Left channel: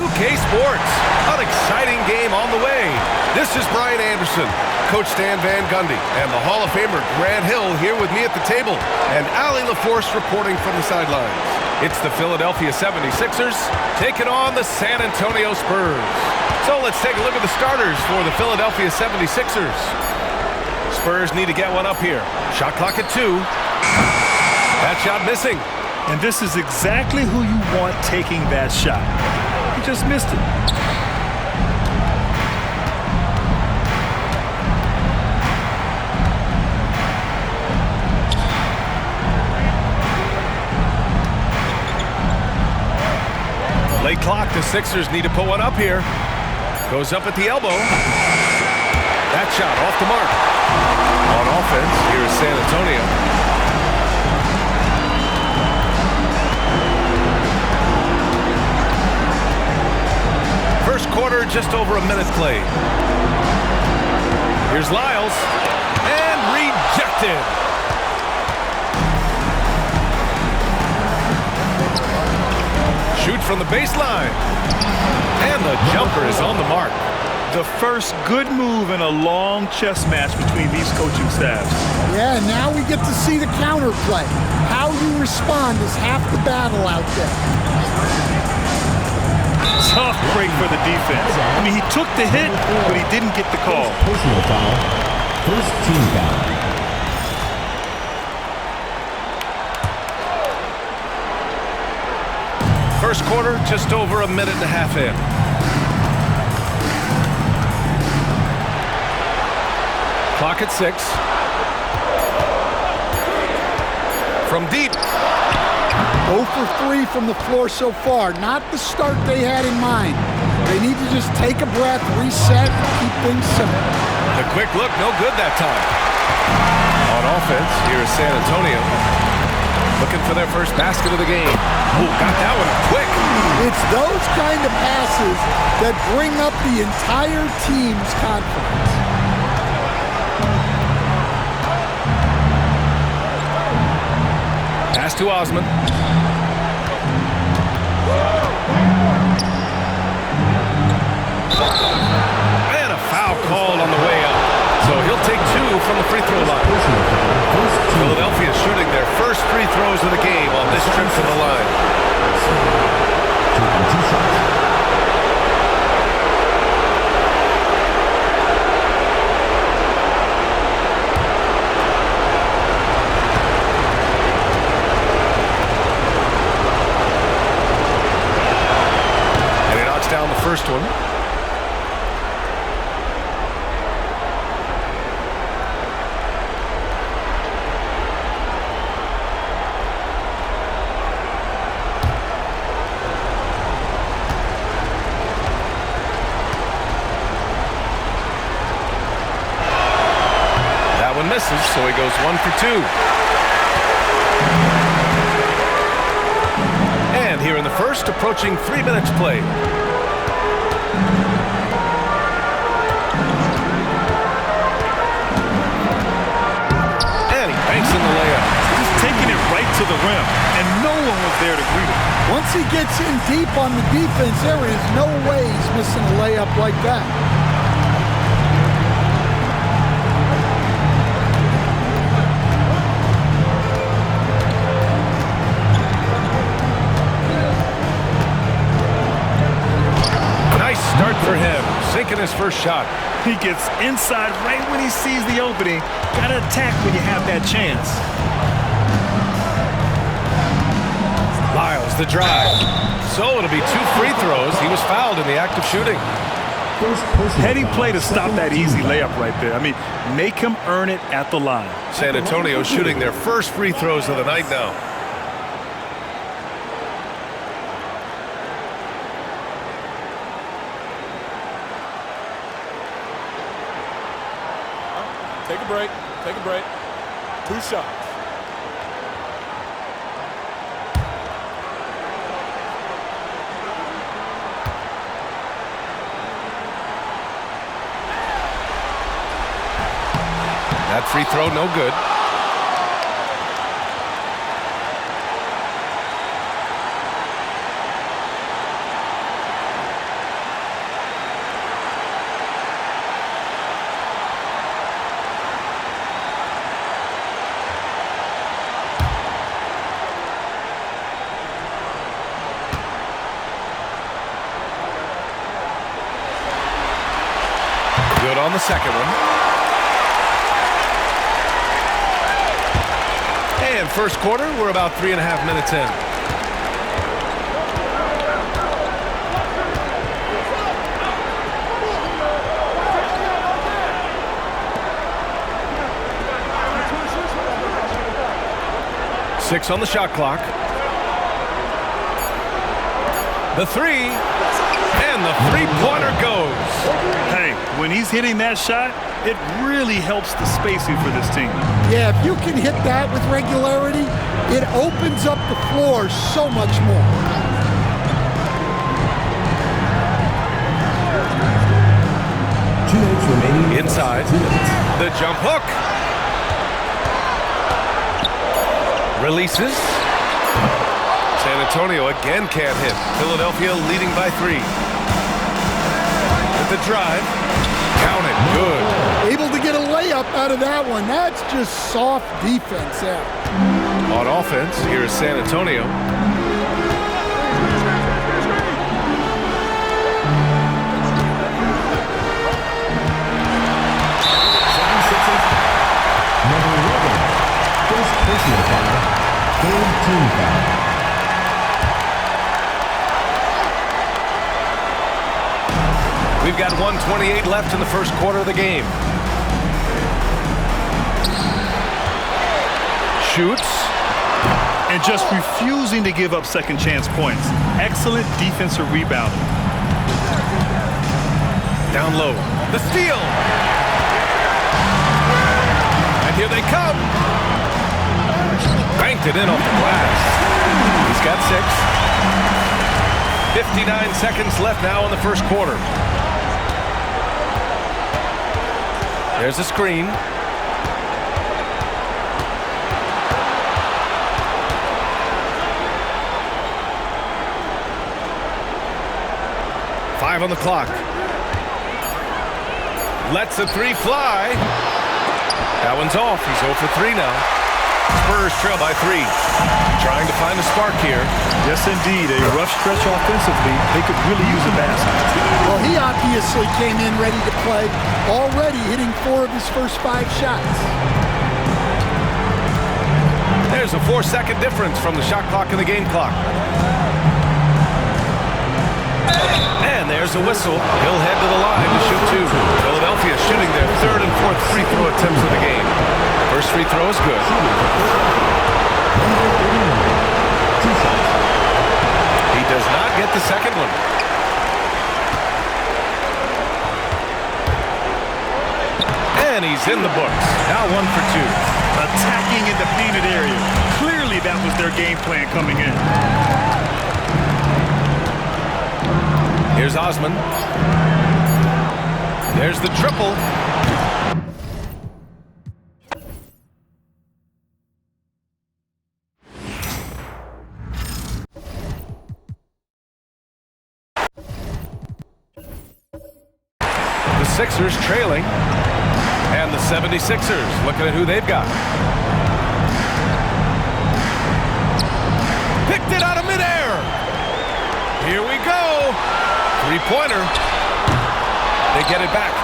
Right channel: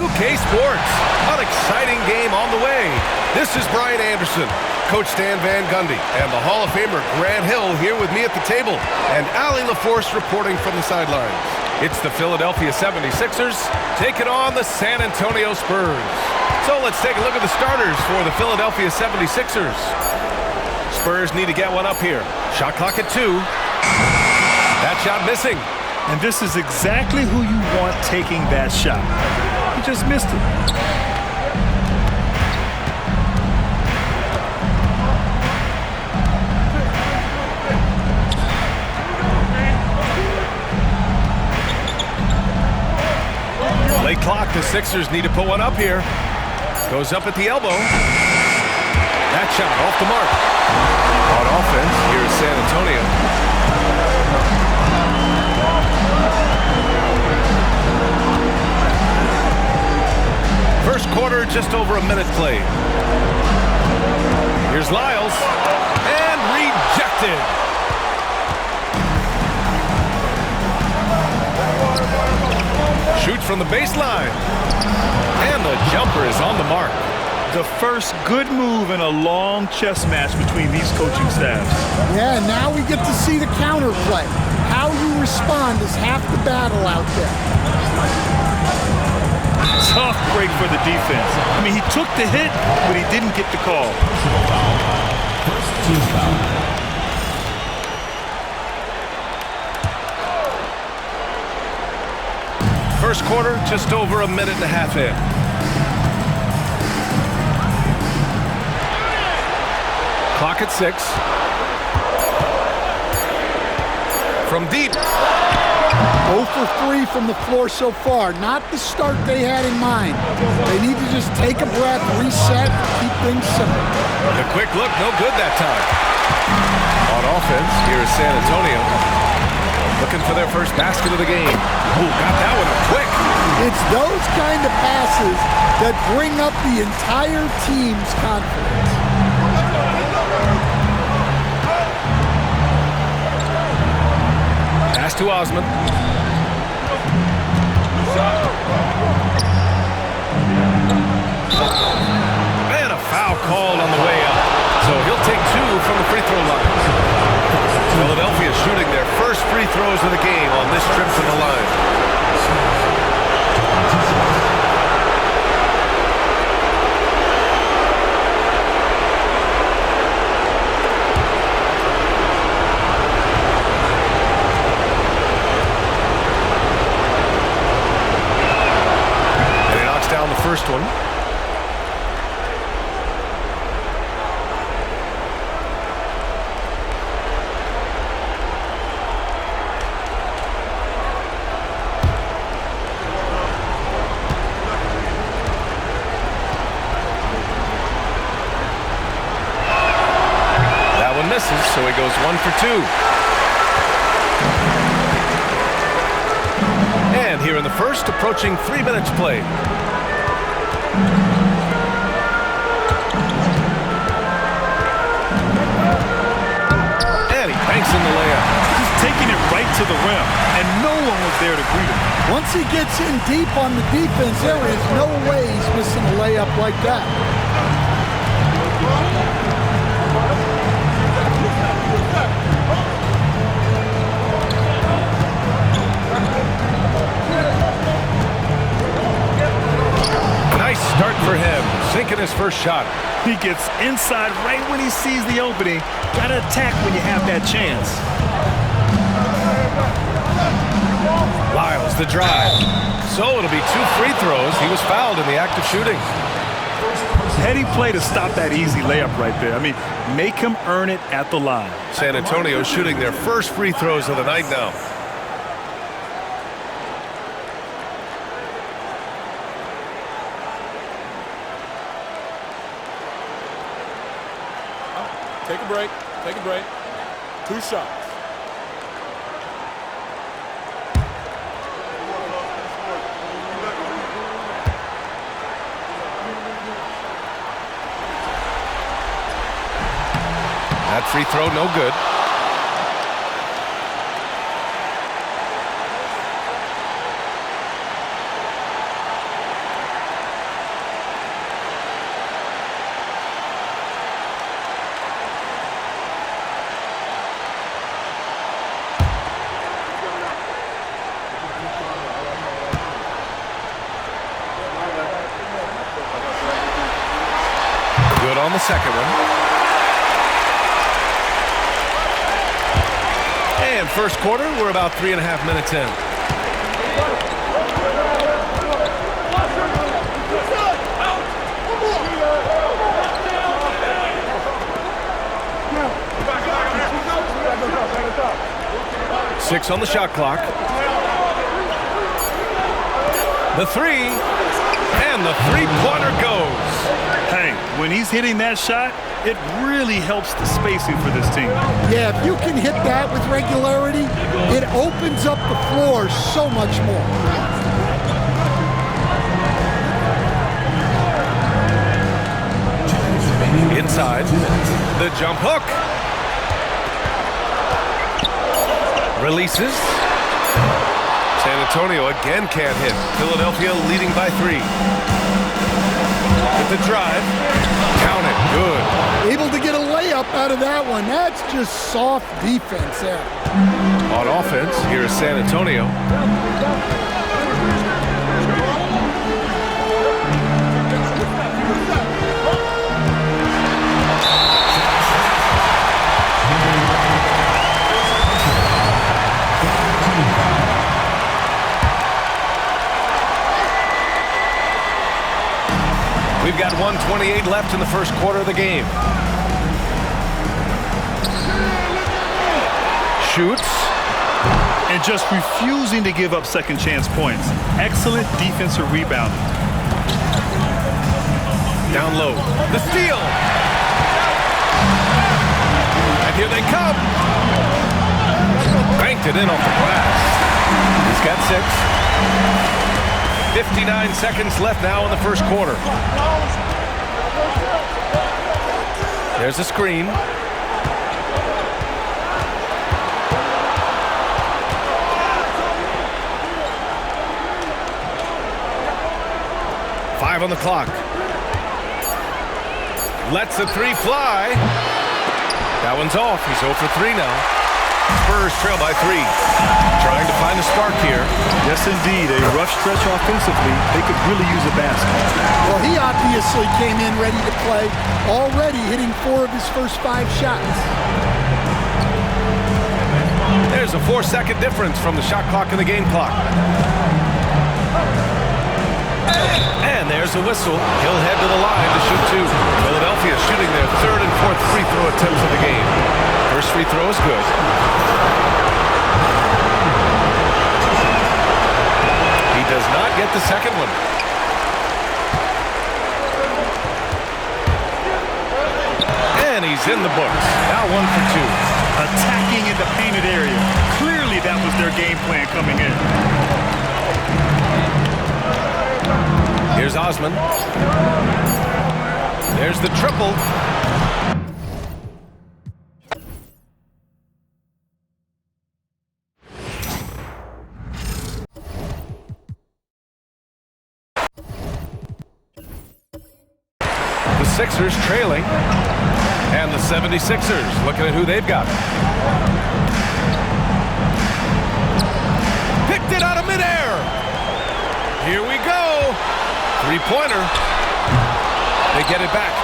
2K Sports, an exciting game on the way. This is Brian Anderson, Coach Stan Van Gundy, and the Hall of Famer Grant Hill here with me at the table, and Allie LaForce reporting from the sidelines. It's the Philadelphia 76ers taking on the San Antonio Spurs. So let's take a look at the starters for the Philadelphia 76ers. Spurs need to get one up here. Shot clock at 2. That shot missing. And this is exactly who you want taking that shot. He just missed it. Late clock, the Sixers need to put one up here. Goes up at the elbow. That shot off the mark. On offense, here is San Antonio. First quarter, just over a minute played. Here's Lyles. And rejected. Shoots from the baseline. And the jumper is on the mark. The first good move in a long chess match between these coaching staffs. Yeah, now we get to see the counterplay. How you respond is half the battle out there. Tough break for the defense. I mean, he took the hit, but he didn't get the call. Personal foul. First team foul. First quarter, just over a minute and a half in. Clock at 6. From deep. 0 for 3 from the floor so far. Not the start they had in mind. They need to just take a breath, reset, and keep things simple. The quick look, no good that time. On offense, here is San Antonio. Looking for their first basket of the game. Ooh, got that one up quick. It's those kind of passes that bring up the entire team's confidence. Pass to Osman. And a foul called on the way up. So he'll take 2 from the free throw line. Philadelphia shooting their first free throws of the game on this trip to the line. And he knocks down the first one. Misses, so he goes 1 for 2. And here in the first, approaching 3 minutes played. And he banks in the layup. Just taking it right to the rim, and no one was there to greet him. Once he gets in deep on the defense, there is no way he's missing a layup like that. Nice start for him, sinking his first shot. He gets inside right when he sees the opening. Gotta attack when you have that chance. Lyles, the drive. So it'll be 2 free throws. He was fouled in the act of shooting. Heady play to stop that easy layup right there. I mean, make him earn it at the line. San Antonio shooting their first free throws of the night now. Take a break. Take a break. 2 shots. That free throw, no good. Good on the second one. And first quarter, we're about 3.5 minutes in. Six on the shot clock. The three, and the three-pointer goes. Hey, when he's hitting that shot, it really helps the spacing for this team. Yeah, if you can hit that with regularity, it opens up the floor so much more. Inside, the jump hook. Releases. San Antonio again can't hit. Philadelphia leading by 3. With the drive. Count it. Good. Able to get a layup out of that one. That's just soft defense there. On offense, here is San Antonio. We've got 1:28 left in the first quarter of the game. Shoots. And just refusing to give up second chance points. Excellent defensive rebounding. Down low. The steal. And here they come. Banked it in off the glass. He's got 6. 59 seconds left now in the first quarter. There's a screen. Five on the clock. Lets the three fly. That one's off. He's 0 for 3 now. Spurs trail by 3. Trying to find a spark here. Yes, indeed. A rough stretch offensively. They could really use a basket. Well, he obviously came in ready to play, already hitting 4 of his first 5 shots. There's a 4-second difference from the shot clock and the game clock. And there's a whistle. He'll head to the line to shoot 2. Philadelphia shooting their 3rd and 4th free throw attempts of the game. First free throw is good. He does not get the second one. And he's in the books. Now 1 for 2. Attacking in the painted area. Clearly that was their game plan coming in. Here's Osman. There's the triple. The Sixers trailing. And the 76ers looking at who they've got. Picked it out of midair. Here we go. Three-pointer. They get it back.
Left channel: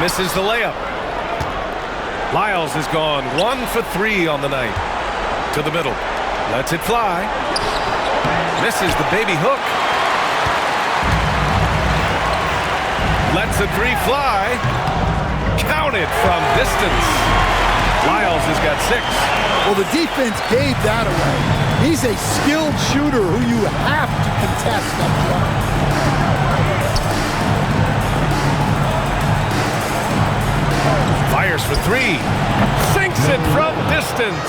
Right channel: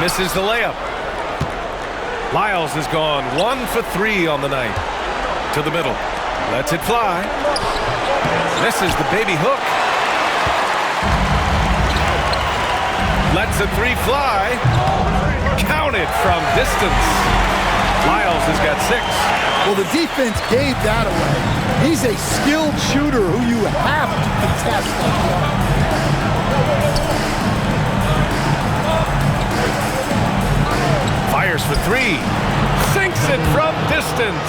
Misses the layup. Lyles has gone 1 for 3 on the night. To the middle. Lets it fly. Misses the baby hook. Lets the 3 fly. Counted from distance. Lyles has got 6. Well, the defense gave that away. He's a skilled shooter who you have to contest up front. Fires for 3. Sinks it from distance.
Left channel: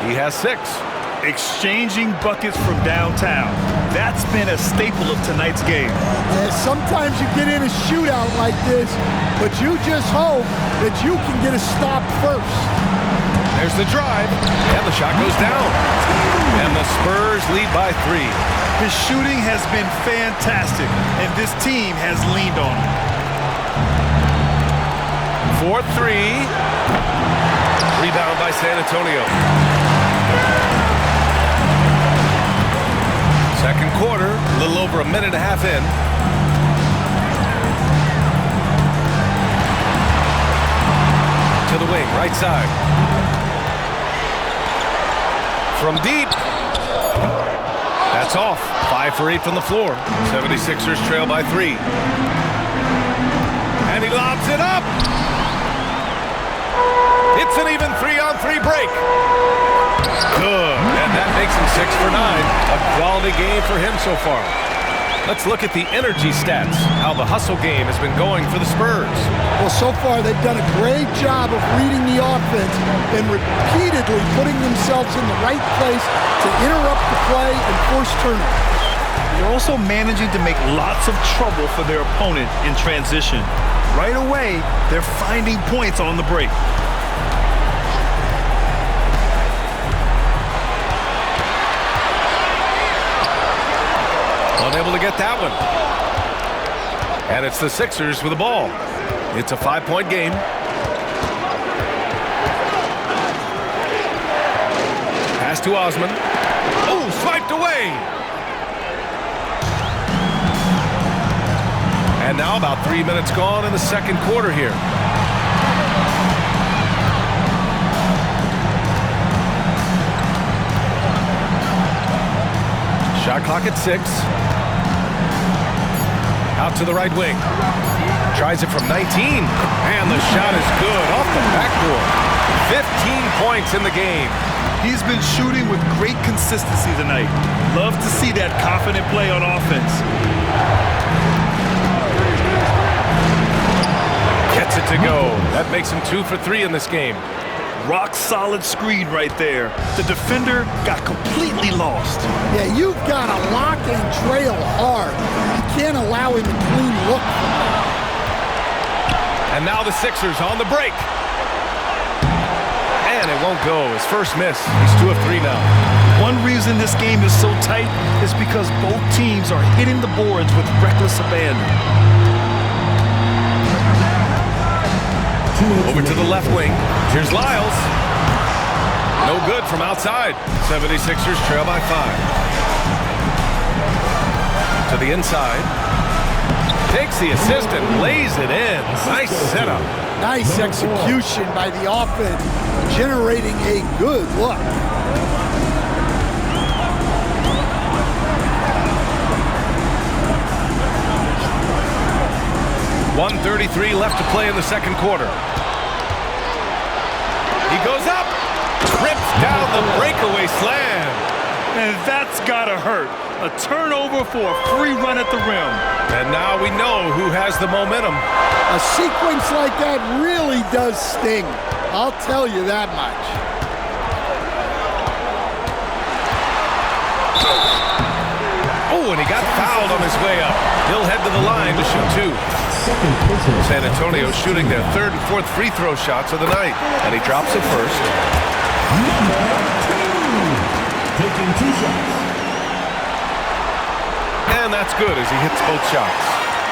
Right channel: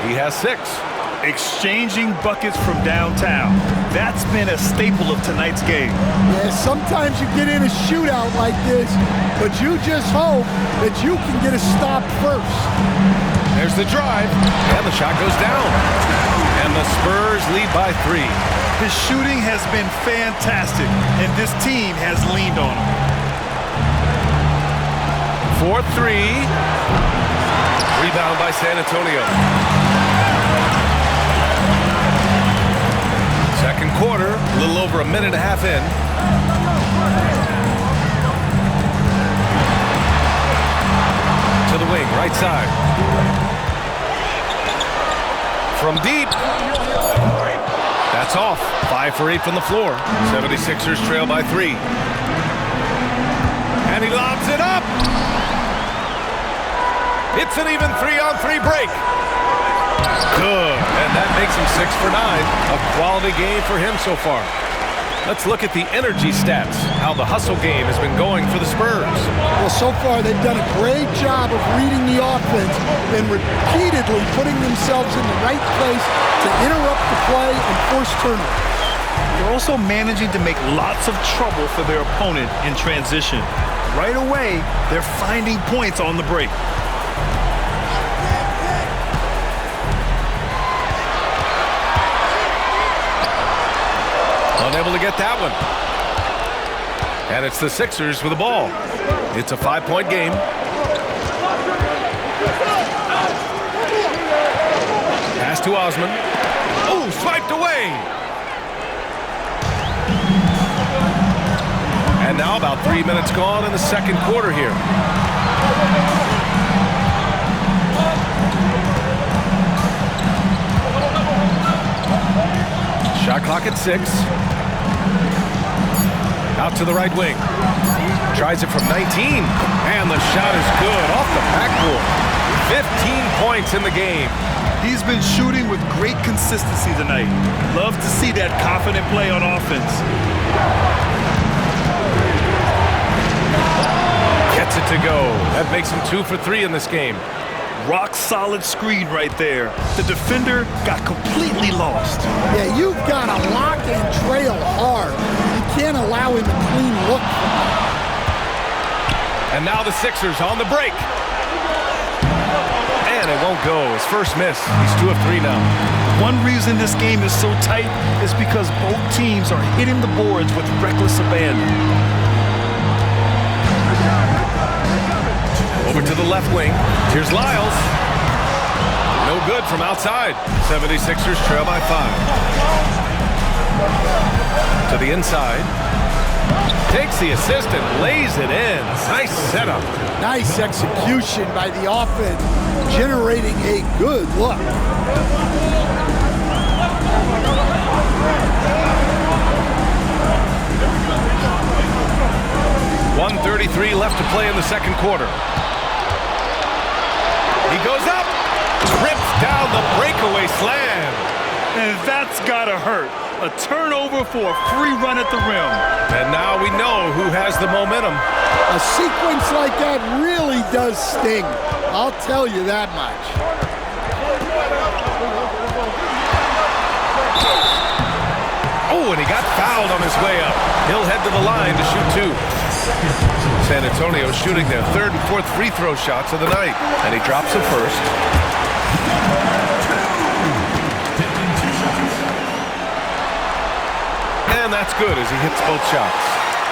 He has 6. Exchanging buckets from downtown. That's been a staple of tonight's game. Yeah, sometimes you get in a shootout like this, but you just hope that you can get a stop first. There's the drive, and the shot goes down. And the Spurs lead by 3. His shooting has been fantastic, and this team has leaned on him. 4-3. Rebound by San Antonio. Second quarter, a little over a minute and a half in. To the wing, right side. From deep. That's off. 5 for 8 from the floor. 76ers trail by 3. And he lobs it up. It's an even 3-on-3 break. Good. And that makes him 6 for 9. A quality game for him so far. Let's look at the energy stats, how the hustle game has been going for the Spurs. Well, so far they've done a great job of reading the offense and repeatedly putting themselves in the right place to interrupt the play and force turnovers. They're also managing to make lots of trouble for their opponent in transition. Right away, they're finding points on the break. Unable to get that one. And it's the Sixers with the ball. It's a 5-point game. Pass to Osman. Oh, swiped away. And now about 3 minutes gone in the second quarter here. Shot clock at 6. Out to the right wing. Tries it from 19. And the shot is good off the backboard. 15 points in the game. He's been shooting with great consistency tonight. Love to see that confident play on offense. Gets it to go. That makes him 2 for 3 in this game. Rock solid screen right there. The defender got completely lost. Yeah, you've got to lock and trail hard. You can't allow him a clean look from that. And now the Sixers on the break. And it won't go. His first miss. He's 2 of 3 now. One reason this game is so tight is because both teams are hitting the boards with reckless abandon. Over to the left wing. Here's Lyles. No good from outside. 76ers trail by 5. To the inside. Takes the assist and lays it in. Nice setup. Nice execution by the offense, generating a good look. .133 left to play in the second quarter. He goes up, rips down the breakaway slam. And that's gotta hurt. A turnover for a free run at the rim. And now we know who has the momentum. A sequence like that really does sting. I'll tell you that much. Oh, and he got fouled on his way up. He'll head to the line to shoot 2. San Antonio shooting their 3rd and 4th free throw shots of the night. And he drops the first. Number 2. Taking 2 shots. And that's good as he hits both shots.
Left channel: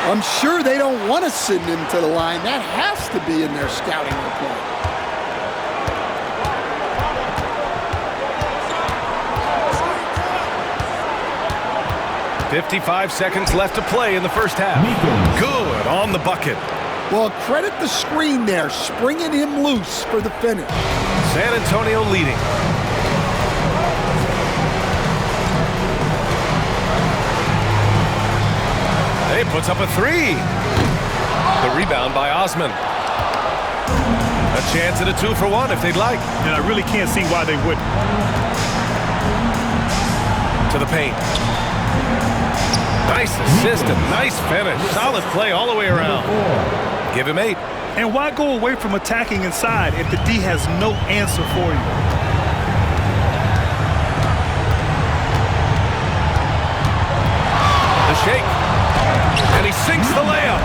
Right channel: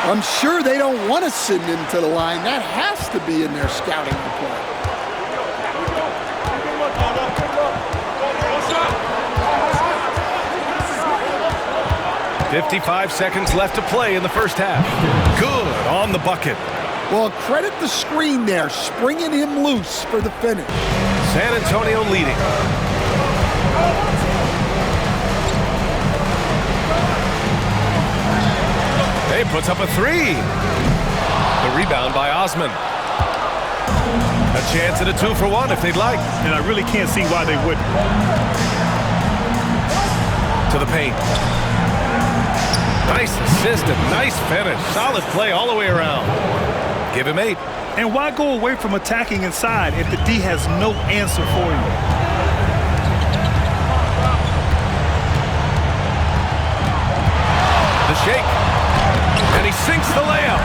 I'm sure they don't want to send him to the line. That has to be in their scouting report. .55 seconds left to play in the first half. Good on the bucket. Well, credit the screen there, springing him loose for the finish. San Antonio leading. He puts up a 3. The rebound by Osman. A chance at a 2 for 1 if they'd like. And I really can't see why they wouldn't. To the paint. Nice assist and nice finish. Solid play all the way around. Give him 8. And why go away from attacking inside if the D has no answer for you? The shake. And he sinks the layup.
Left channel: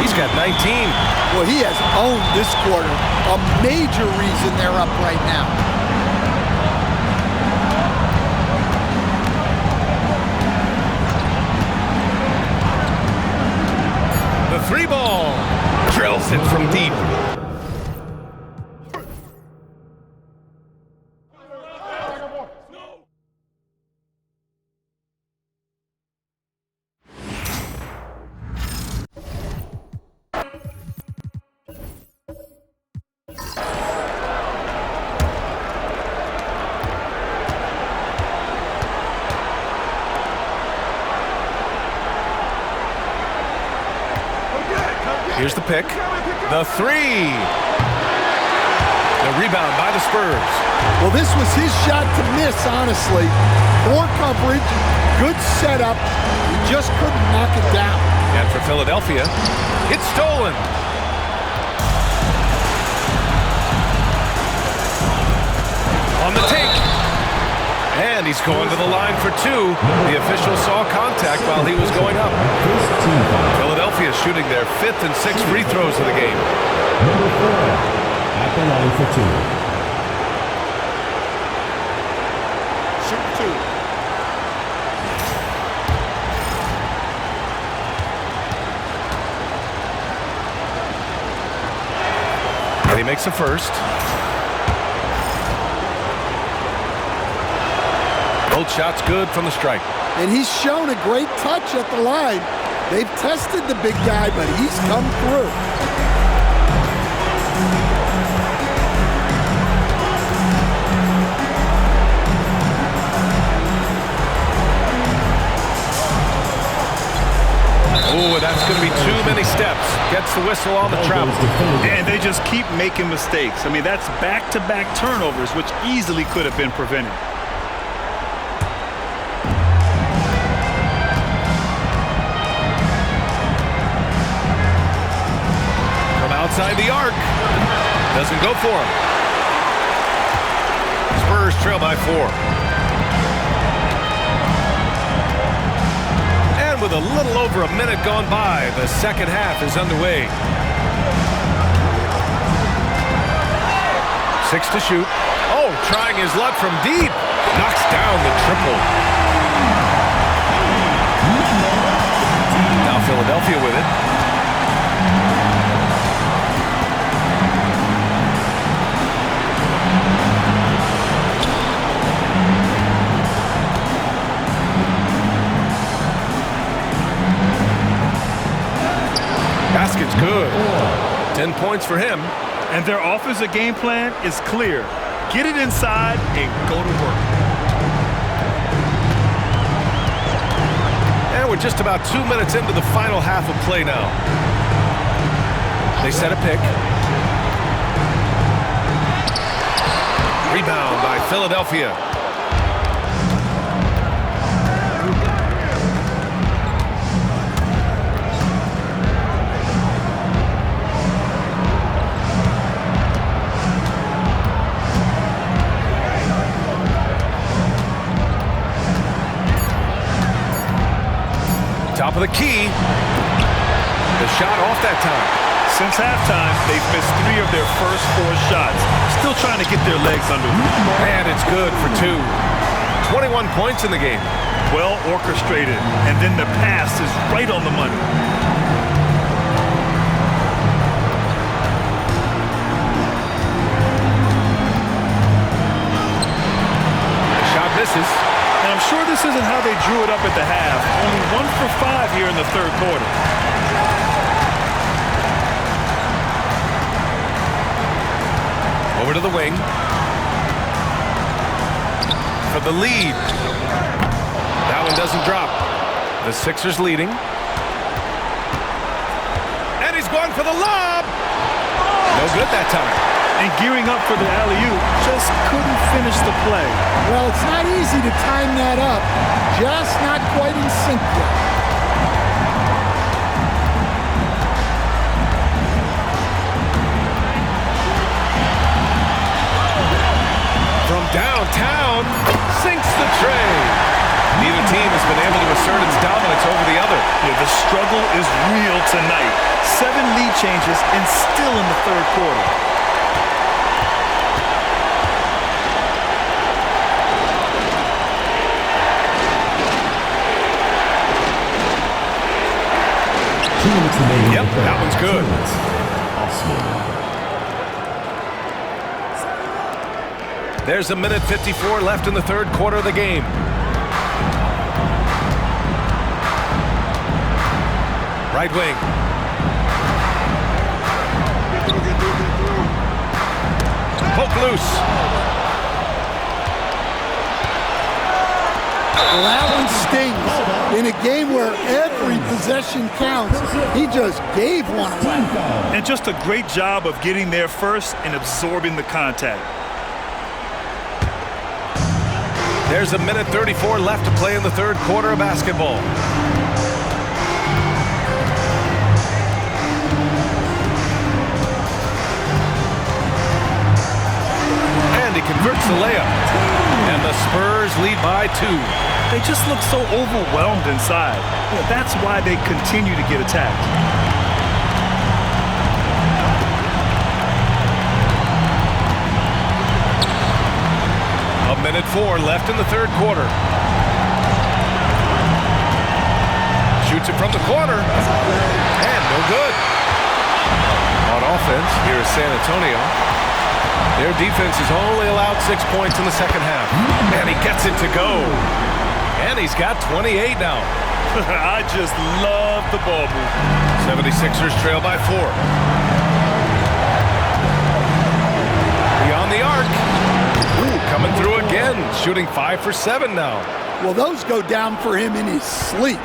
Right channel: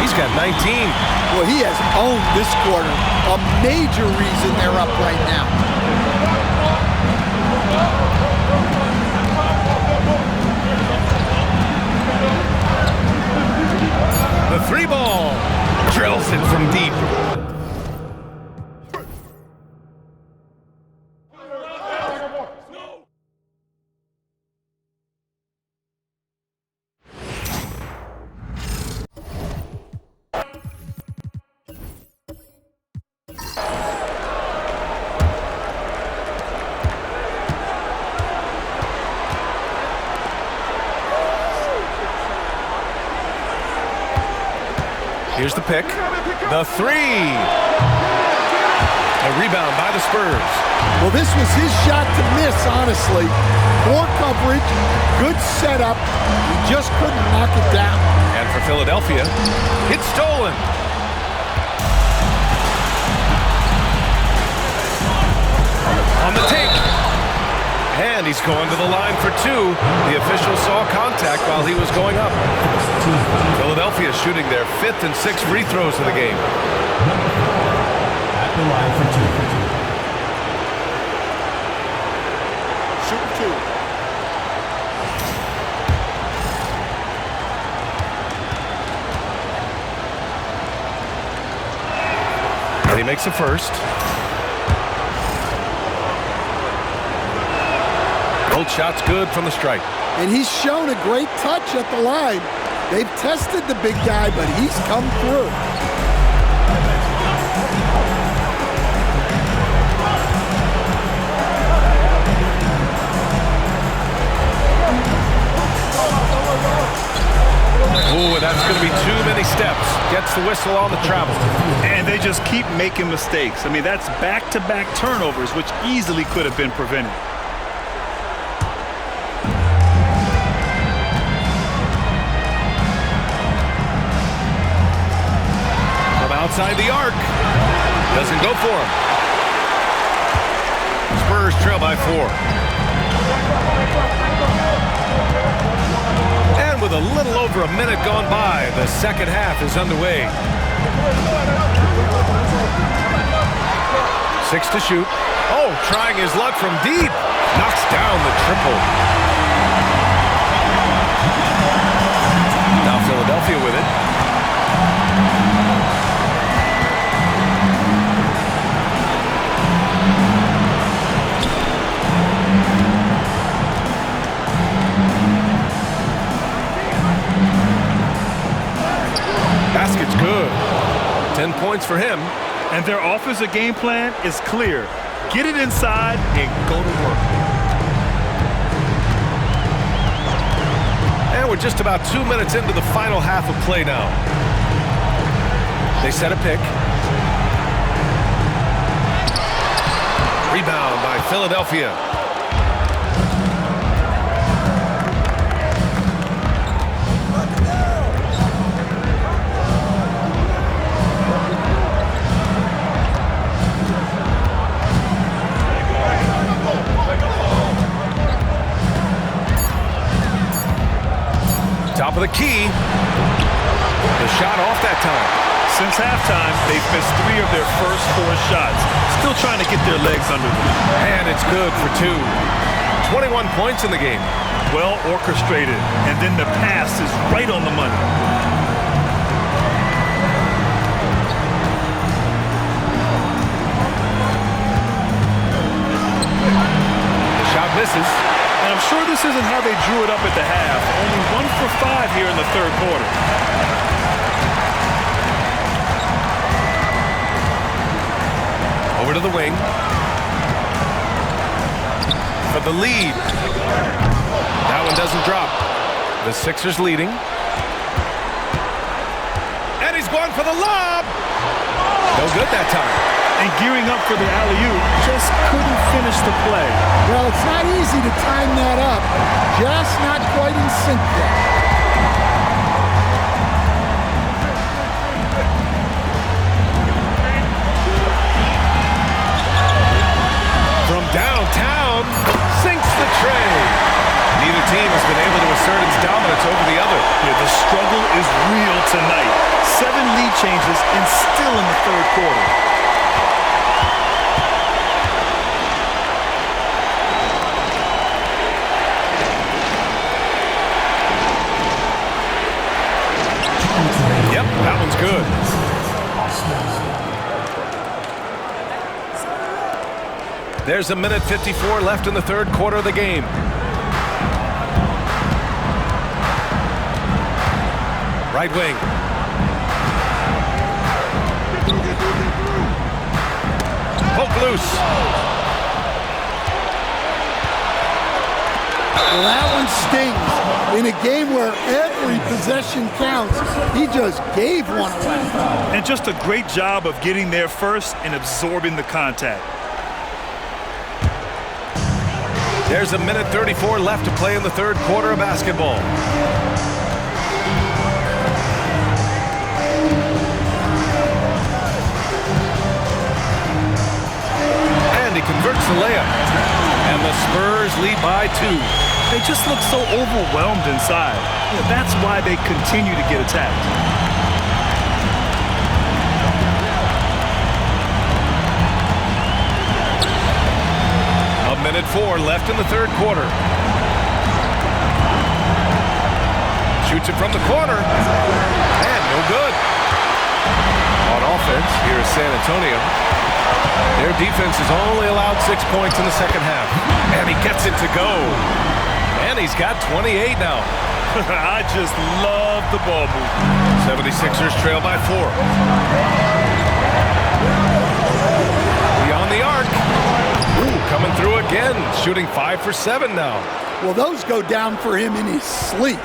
He's got 19. Well, he has owned this quarter. A major reason they're up right now. The 3 ball. Drills it from deep. Here's the pick. The three. The rebound by the Spurs. Well, this was his shot to miss, honestly. Poor coverage, good setup. He just couldn't knock it down. And for Philadelphia, it's stolen. On the take. And he's going to the line for two. The official saw contact while he was going up. Philadelphia shooting their 5th and 6th free throws of the game. Number 4 at the line for two. Shooting two. And he makes a first. Both shots good from the stripe. And he's shown a great touch at the line. They've tested the big guy, but he's come through. Ooh, that's going to be too many steps. Gets the whistle on the travel. And they just keep making mistakes. I mean, that's back-to-back turnovers, which easily could have been prevented. From outside the arc. Doesn't go for him. Spurs trail by 4. And with a little over a minute gone by, the second half is underway. 6 to shoot. Oh, trying his luck from deep. Knocks down the triple. Now Philadelphia with it. Basket's good. 10 points for him. And their offensive game plan is clear. Get it inside and go to work. And we're just about 2 minutes into the final half of play now. They set a pick. Rebound by Philadelphia. Top of the key. The shot off that time. Since halftime, they've missed 3 of their first 4 shots. Still trying to get their legs under them. And it's good for 2. 21 points in the game. Well orchestrated. And then the pass is right on the money. The shot misses. And I'm sure this isn't how they drew it up at the half. Only 1 for 5 here in the third quarter. Over to the wing. For the lead. That one doesn't drop. The Sixers leading. And he's going for the lob. No good that time. And gearing up for the alley-oop, just couldn't finish the play. Well, it's not easy to time that up. Just not quite in sync yet. From downtown, sinks the tray. Neither team has been able to assert its dominance over the other. Yeah, the struggle is real tonight. 7 lead changes and still in the third quarter. Yep, that one's good. There's 1:54 left in the third quarter of the game. Right wing. Poke loose. Well, that one stings. In a game where every possession counts, he just gave one away. And just a great job of getting there first and absorbing the contact. There's a minute 34 left to play in the third quarter of basketball. And he converts the layup. And the Spurs lead by 2. They just look so overwhelmed inside. You know, that's why they continue to get attacked. A minute 4 left in the third quarter. Shoots it from the corner. And no good. On offense, here is San Antonio. Their defense has only allowed 6 points in the second half. And he gets it to go. And he's got 28 now. I just love the ball move. 76ers trail by 4. Beyond the arc. Ooh, coming through again. Shooting 5 for 7 now. Well, those go down for him in his sleep.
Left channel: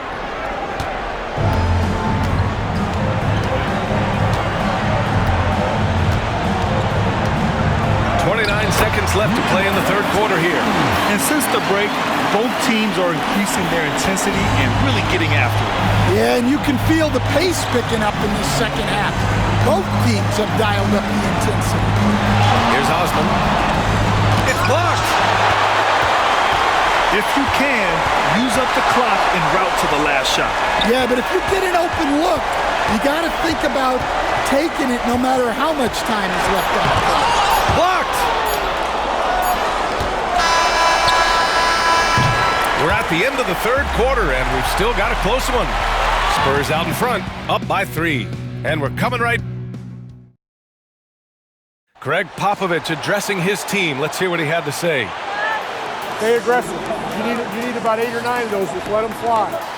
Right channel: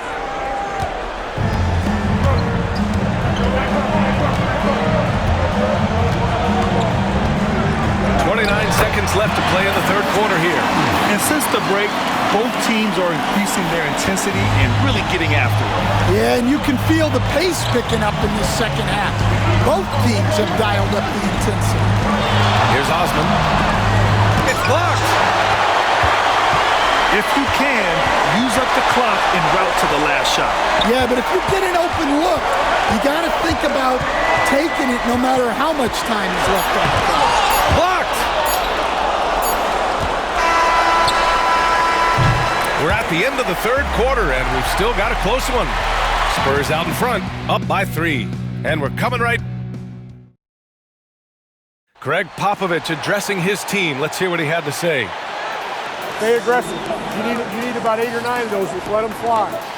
29 seconds left to play in the third quarter here. And since the break, both teams are increasing their intensity and really getting after it. Yeah, and you can feel the pace picking up in this second half. Both teams have dialed up the intensity. Here's Osman. It's blocked. If you can, use up the clock en route to the last shot. Yeah, but if you get an open look, you got to think about taking it no matter how much time is left on the clock. Blocked. We're at the end of the third quarter, and we've still got a close one. Spurs out in front, up by 3. And we're coming right. Greg Popovich addressing his team. Let's hear what he had to say. Stay aggressive. You need about 8 or 9 of those. Just let them fly.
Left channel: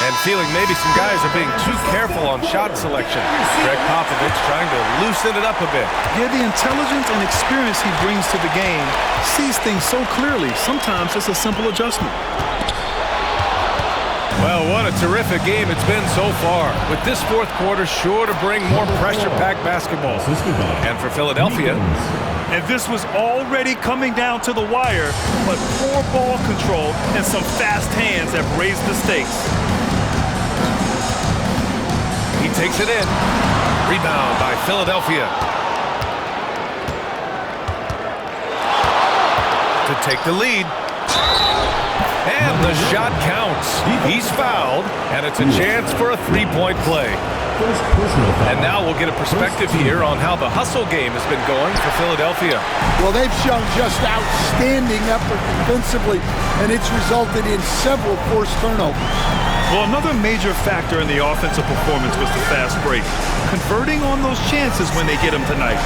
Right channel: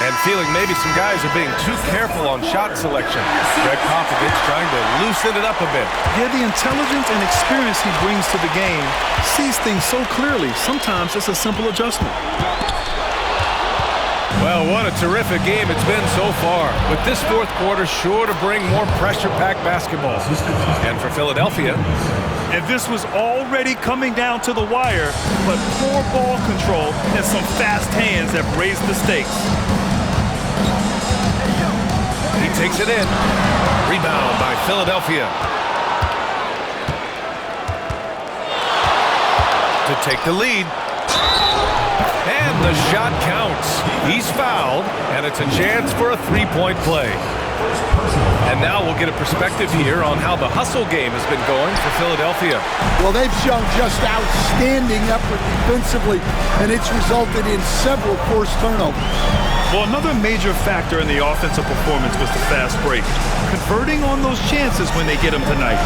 And feeling maybe some guys are being too careful on shot selection. Greg Popovich trying to loosen it up a bit. Yeah, the intelligence and experience he brings to the game sees things so clearly. Sometimes it's a simple adjustment. Well, what a terrific game it's been so far. With this fourth quarter sure to bring more pressure-packed basketball. And for Philadelphia, and this was already coming down to the wire, but poor ball control and some fast hands have raised the stakes. He takes it in. Rebound by Philadelphia. To take the lead. And the shot counts. He's fouled, and it's a chance for a three-point play. And now we'll get a perspective here on how the hustle game has been going for Philadelphia. Well, they've shown just outstanding effort defensively, and it's resulted in several forced turnovers. Well, another major factor in the offensive performance was the fast break. Converting on those chances when they get them tonight.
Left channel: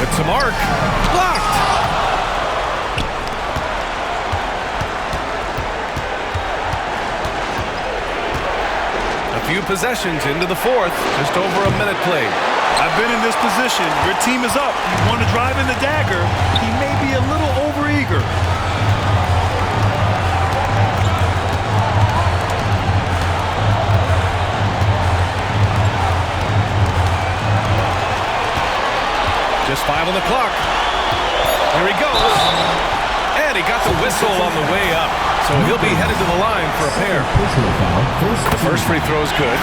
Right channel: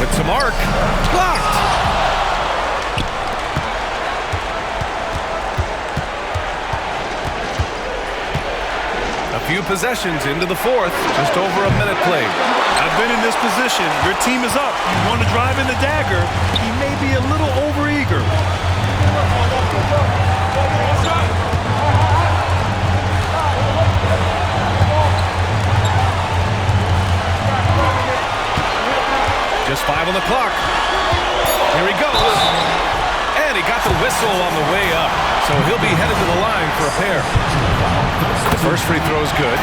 With some arc. Blocked. A few possessions into the fourth, just over a minute played. I've been in this position. Your team is up. You want to drive in the dagger. He may be a little overeager. Just 5 on the clock. Here he goes. And he got the whistle on the way up. So he'll be headed to the line for a pair. The first free throw is good.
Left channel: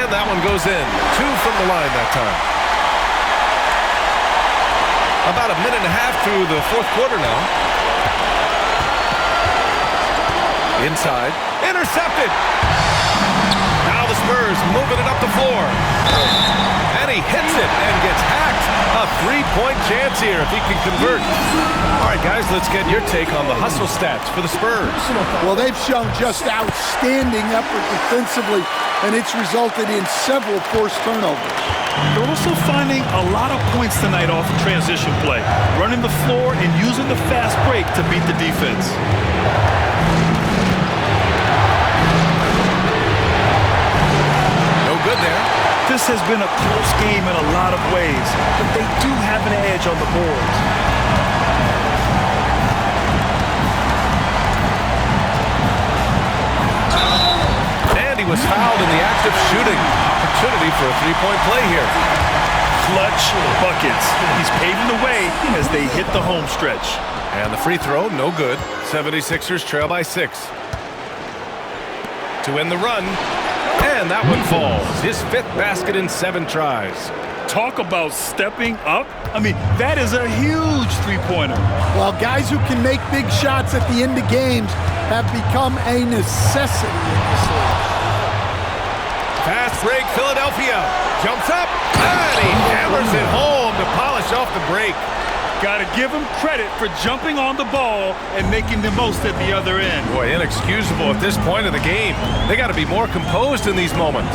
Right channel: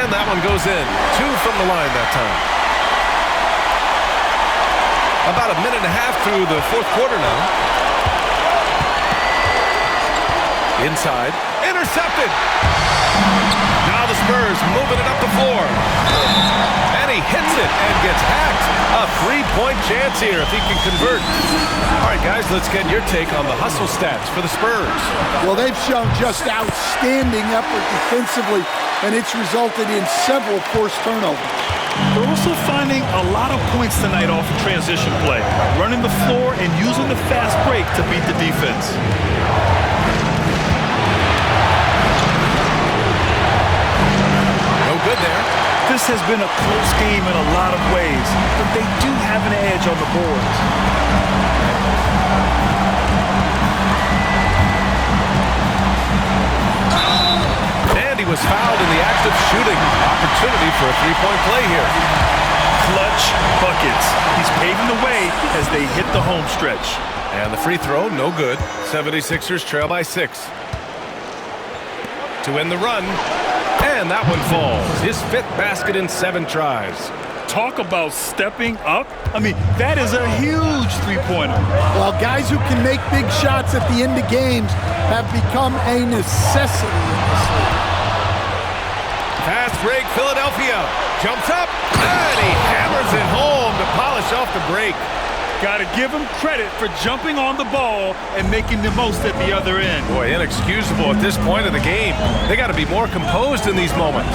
And that one goes in. 2 from the line that time. About a minute and a half through the fourth quarter now. Inside. Intercepted. Now the Spurs moving it up the floor. And he hits it and gets hacked. A three-point chance here if he can convert. All right, guys, let's get your take on the hustle stats for the Spurs. Well, they've shown just outstanding effort defensively, and it's resulted in several forced turnovers. They're also finding a lot of points tonight off of transition play, running the floor and using the fast break to beat the defense. No good there. This has been a close game in a lot of ways, but they do have an edge on the boards. was fouled in the act of shooting. Opportunity for a three-point play here. Clutch buckets. He's paving the way as they hit the home stretch. And the free throw, no good. 76ers trail by 6. To end the run, and that one falls. His 5th basket in 7 tries. Talk about stepping up. I mean, that is a huge three-pointer. Well, guys who can make big shots at the end of games have become a necessity in this league. Fast break, Philadelphia. Jumps up, and he hammers it home to polish off the break. Got to give him credit for jumping on the ball and making the most at the other end. Boy, inexcusable at this point of the game. They got to be more composed in these moments.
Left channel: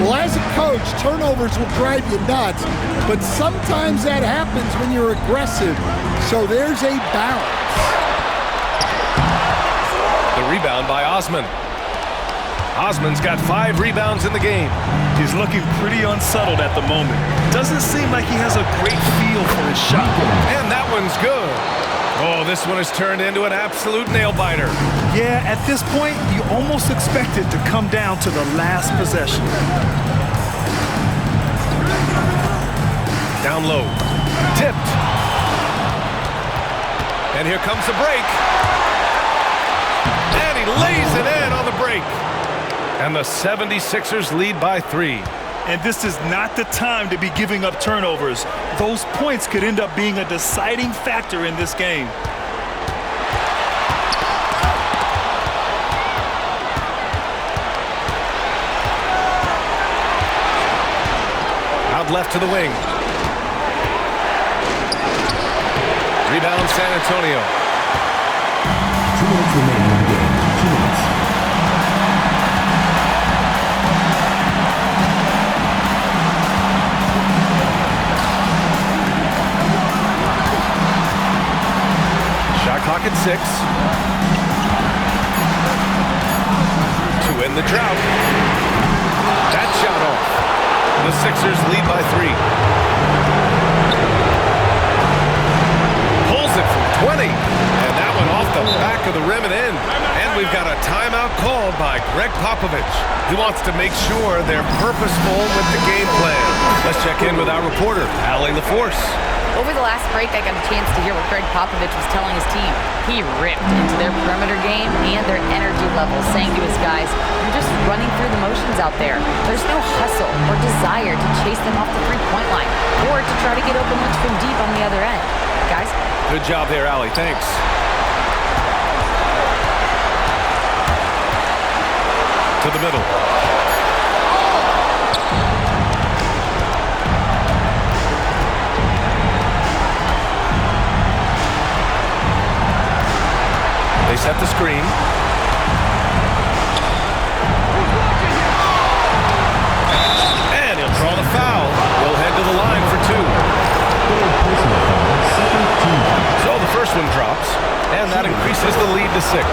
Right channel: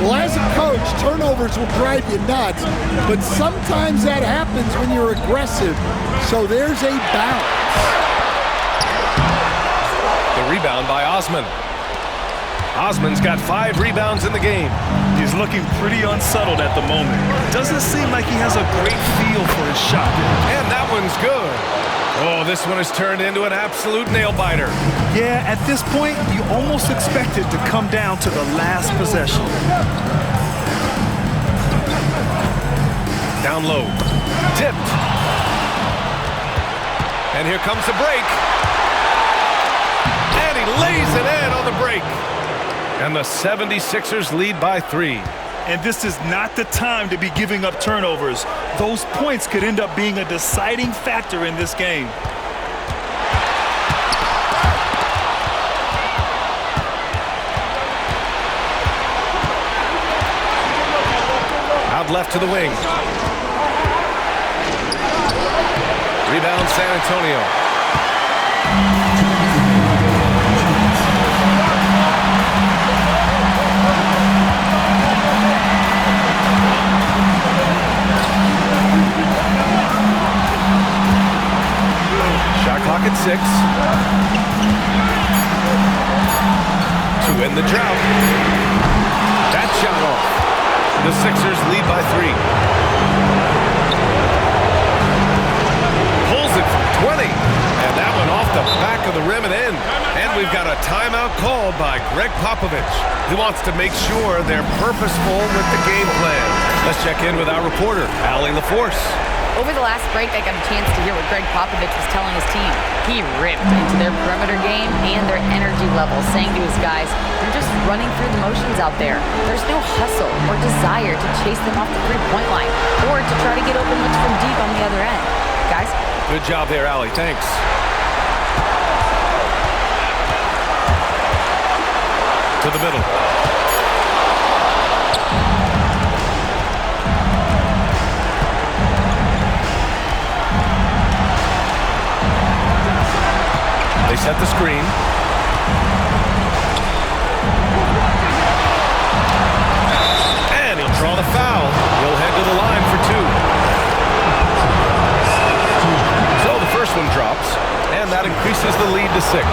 Well, as a coach, turnovers will drive you nuts, but sometimes that happens when you're aggressive. So there's a balance. The rebound by Osman. Osman's got 5 rebounds in the game. He's looking pretty unsettled at the moment. Doesn't seem like he has a great feel for his shot. And that one's good. Oh, this one has turned into an absolute nail-biter. Yeah, at this point, you almost expect it to come down to the last possession. Down low. Tipped. And here comes the break. And he lays it in on the break. And the 76ers lead by 3. And this is not the time to be giving up turnovers. Those points could end up being a deciding factor in this game. Out left to the wing. Rebound San Antonio. Shot clock at 6. To end the drought. That shot off. The Sixers lead by 3. Pulls it from 20. And that one off the back of the rim and in. And we've got a timeout called by Greg Popovich. He wants to make sure they're purposeful with the game plan. Let's check in with our reporter, Allie LaForce. Over the last break, I got a chance to hear what Greg Popovich was telling his team. He ripped into their perimeter game and their energy level, saying to his guys, "You're just running through the motions out there. There's no hustle or desire to chase them off the three-point line or to try to get open looks from deep on the other end." Guys? Good job there, Allie. Thanks. To the middle. They set the screen. And he'll draw the foul. He'll head to the line for 2. So the first one drops, and that increases the lead to 6.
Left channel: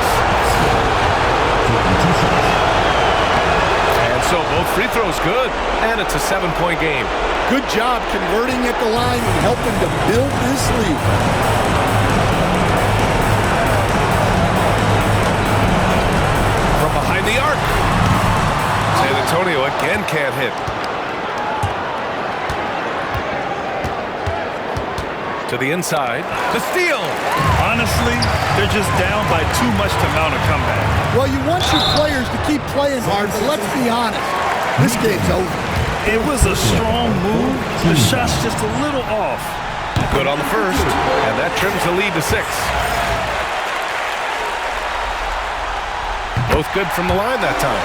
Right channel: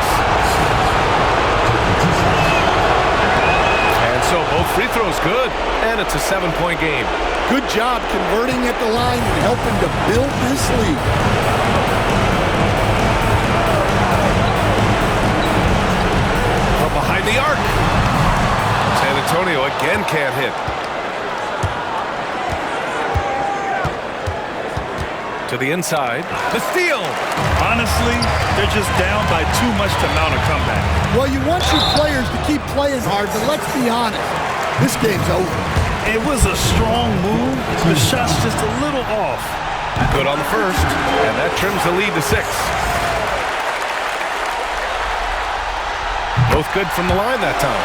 And so both free throws good, and it's a 7-point game. Good job converting at the line and helping to build this lead. From behind the arc. San Antonio again can't hit. To the inside. The steal. Honestly, they're just down by too much to mount a comeback. Well, you want your players to keep playing hard, but let's be honest. This game's over. It was a strong move. The shot's just a little off. Good on the first, and that trims the lead to 6. Both good from the line that time.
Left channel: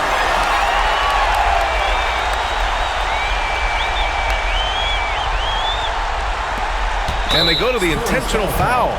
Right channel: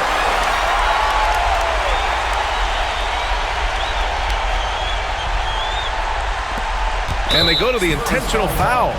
And they go to the intentional foul.